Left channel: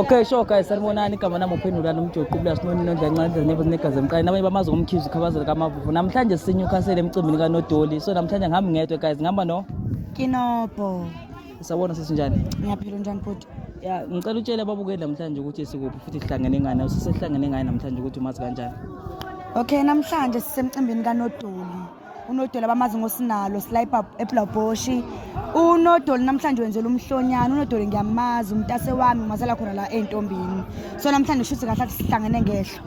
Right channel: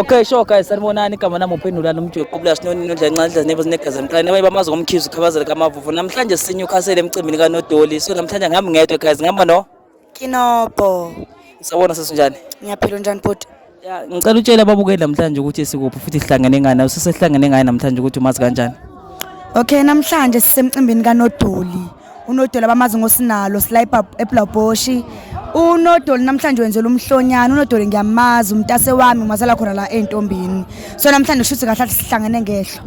Okay, sure guys, sanibonani igama nami uphendula nomntu wequbula sinoni nodlancanza nevo zinegazi emqaleni abaye bamazi ngomkhizi ukhabazela kaMavuvu. Namhlanje sinyukhasele emcimbini kaNodoli. So namhlanje ngihamba ngedwa guys, ngihamba no Kinopho. Sawona sesinjani? Ngiyaphila njani bhuti? Ya, ngicela utshela ababukeli namhlanje ukuthi sikuphi futhi sihlangene ngani. Usesihlangene ngani namhlanje ukuthi umazi kanjani? Okay, namhlanje sisemcimbini kaNodoli. UNodoli abamazi ngosinalo slipe eBlaboshi. UNodoli namhlanje wenzela umhlonyana. UNodoli ngiyamazi umntase wami umazala khona la entombini. So namhlanje shuthi kahle sihlangene ngehlo.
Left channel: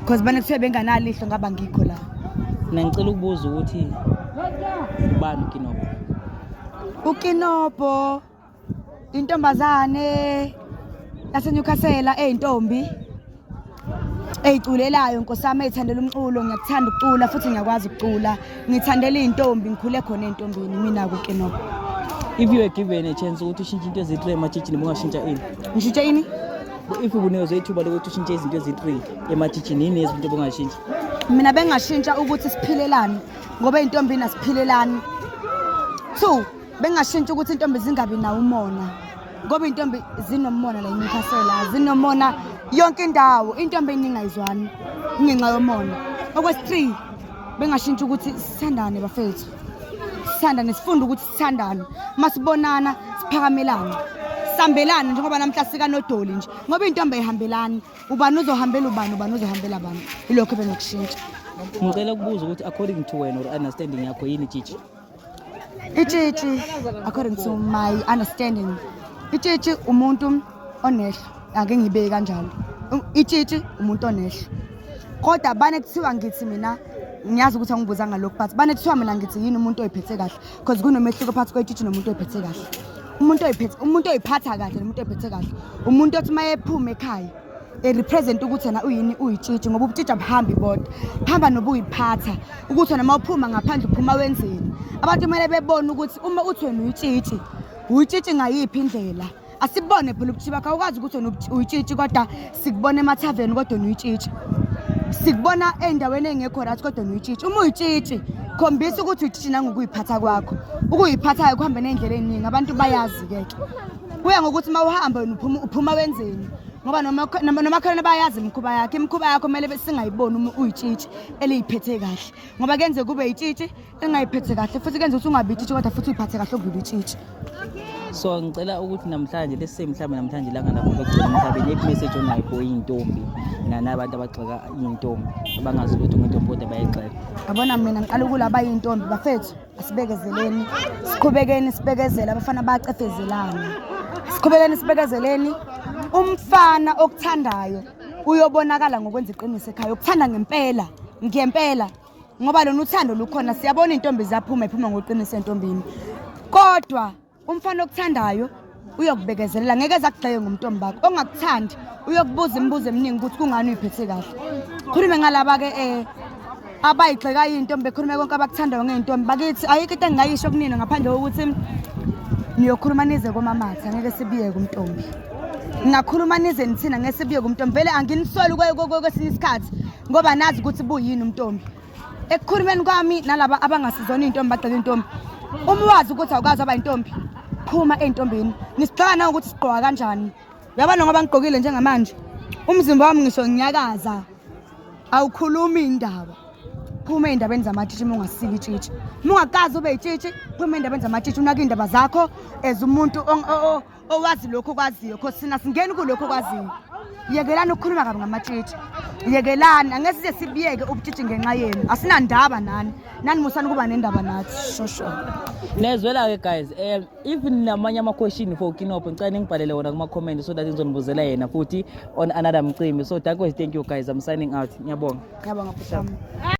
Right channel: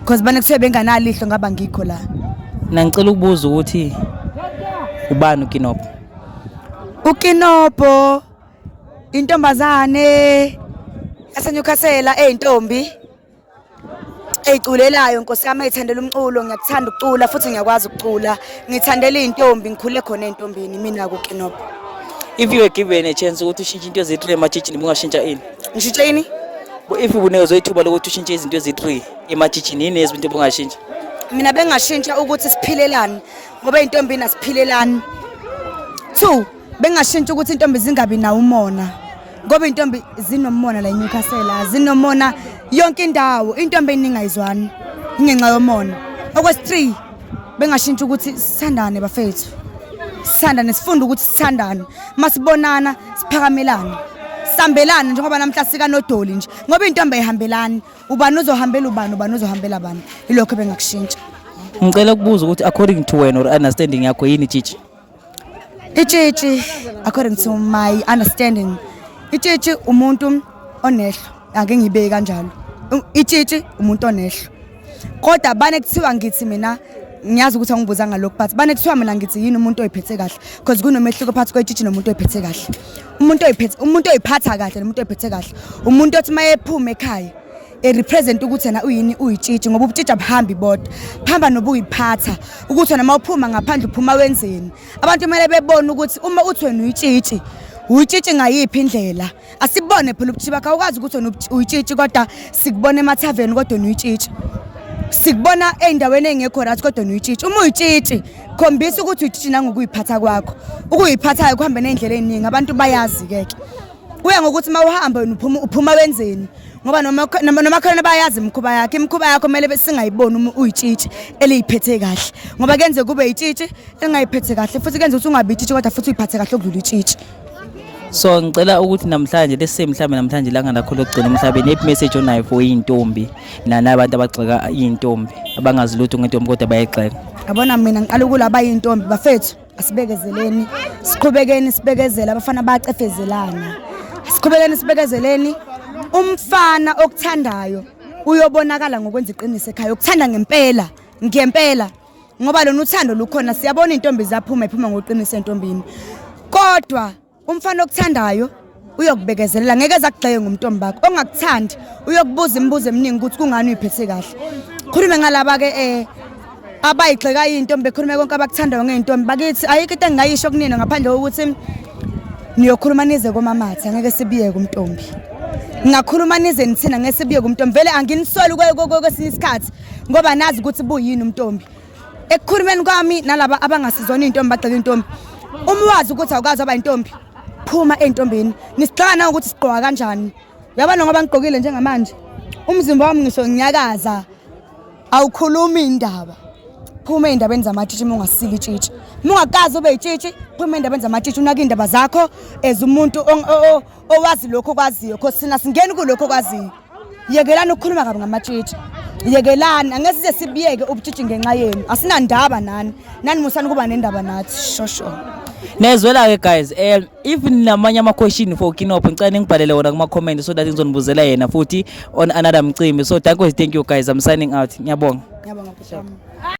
Because bane kuthiwe benganalihlo ngaba ngikho la. Na ngicela ukubuza ukuthi ubani uKinopho? UKinopho intombazane yaseNyukhasela eintombi eyiculelayo Nkosi yami ethandela umculo ngiyakuthanda ukucula futhi ngiyakwazi ukucula ngithandela intombi ngikhule khona entombini mina kuKinopho. If you were given a chance ukuthi ushintshe into ezi-3 emajijini bungashintsha ini? Ngishintshe ini? If ubunezwe ithuba lokuthi ushintshe izinto ezi-3 emajijini yini ezinto bungashintsha? Mina bengashintsha ukuthi siphilelane ngoba intombini asiphilelane. 2 bengashintsha ukuthi intombi zingabi nawo umona ngoba intombi zinomona la eNyukhasela zinomona yonke indawo intombi eningayizwani ngenxa yomona. Okwesi3 bengashintsha ukuthi sithandane bafethu sithandane sifunde ukuthi sithandane masibonana siphakamelane sambelane njengoba namhla sika Nodoli nje ngoba intombi ayihambelani ubani uzohambela ubani uzohambela bani ilokho bengakushintsha. Ngicela ukubuza ukuthi according to wena or understanding yakho yini Tshitshi? Itshitshi according to my understanding itshitshi umuntu onehlo ake ngibeke kanjalo. Itshitshi umuntu onehlo kodwa bane kuthiwa ngithi mina ngiyazi ukuthi angibuza ngalokho but bane kuthiwa mina ngithi yini umuntu oyiphethe kahle because kunomehluko phakathi kwetshitshi nomuntu oyiphethe kahle. Umuntu oyiphatha kahle nomuntu oyiphethe kahle umuntu othi mayephuma ekhaya represent ukuthi yena uyini uyitshitshi ngoba ubutshitshi abuhambi bodwa phamba nobuyiphatha ukuthi wena mawuphuma ngaphandle uphuma wenzeni. Abantu kumele bebone ukuthi uma uthi wena uyitshitshi ngayiphi indlela asibone phela ubutshitshi bakho awukazi ukuthi wena uyitshitshi kodwa sikubona emathaveni kodwa uyitshitshi sikubona endaweni engekho right kodwa uyitshitshi. Uma uyitshitshi khombisa ukuthi uyitshitshi nangokuyiphatha kwakho ukuyiphathayo kuhambe nendlela eziningi abantu bayazi ke kuya ngokuthi mawuhamba wena uphuma wenzeni ngoba noma khona bayazi imkhuba yakho kumele besingayiboni uma uyitshitshi eliyiphethe kahle ngoba kenze kube yitshitshi engayiphethe kahle futhi kenze ukuthi ungabi yitshitshi kodwa futhi uyiphathe kahle okudlula itshitshi. So ngicela ukuthi namhlanje lesemhlabeni namhlanje langa lakho lokugcina emhlabeni ip message onayo for intombi nabantu abagxeka intombi abangazi lutho ngentombi kodwa bayayigxeka. Yabona mina ngiqala ukulaba intombi bafethu asibekezeleni siqhubekeni sibekezela abafana bacefezelana siqhubekeni sibekezeleni. Umfana okuthandayo uyobonakala ngokwenza iqiniso ekhaya ukuthanda ngempela ngoba lona uthando lukhona siyabona intombi zaphuma iphuma ngoqiniso entombini kodwa umfana okuthandayo uyokubekezelela ngeke ezakugxeke ngomntombi bakho ongakuthandi uyokubuza imibuzo eminingi ukuthi kungani uyiphethe kahle. Khulume ngalaba ke abayigxeka intombi bekhulume konke abakuthandayo ngeintombi bakithi ayikho into engayisho kunina ngaphandle kokuthi niyokhuluma nize komamatha ngeke sibiye kumntombi ngakhuluma nize nithina ngeke sibiye kumntombi vele anginisoli kwesinye isikhathi ngoba nazi ukuthi buyini umntombi ekukhulumeni kwami nalaba abangasizona intombi bagxeka intombi umwazi ukuthi awukazi aba intombi phuma entombini nisigxana ukuthi sigqoka kanjani yabona ngoba ngigqokile njengamanje umzimba wami ngisho ngiyakaza awukhulumi indaba phuma endabeni zamatshitshi ungasiki itshitshi ungakazi ube itshitshi phuma endabeni zamatshitshi unaka indaba zakho ezumuntu owazi lokho okwaziyo because sina singeni kulokho okwaziyo. Yekelana ukukhuluma kabi ngamatshitshi yekelana angeke size sibiyeke ubutshitshi ngenxa yenu asinandaba nani musani kuba nendaba nathi shosho. Nezwela ke guys if namanye ama question for Kinopho ngicela ngibhalele wona kuma comment so that ngizonibuzela yena futhi on another mcimbi. So thank you guys, I'm signing out. Ngiyabonga. Ngiyabonga.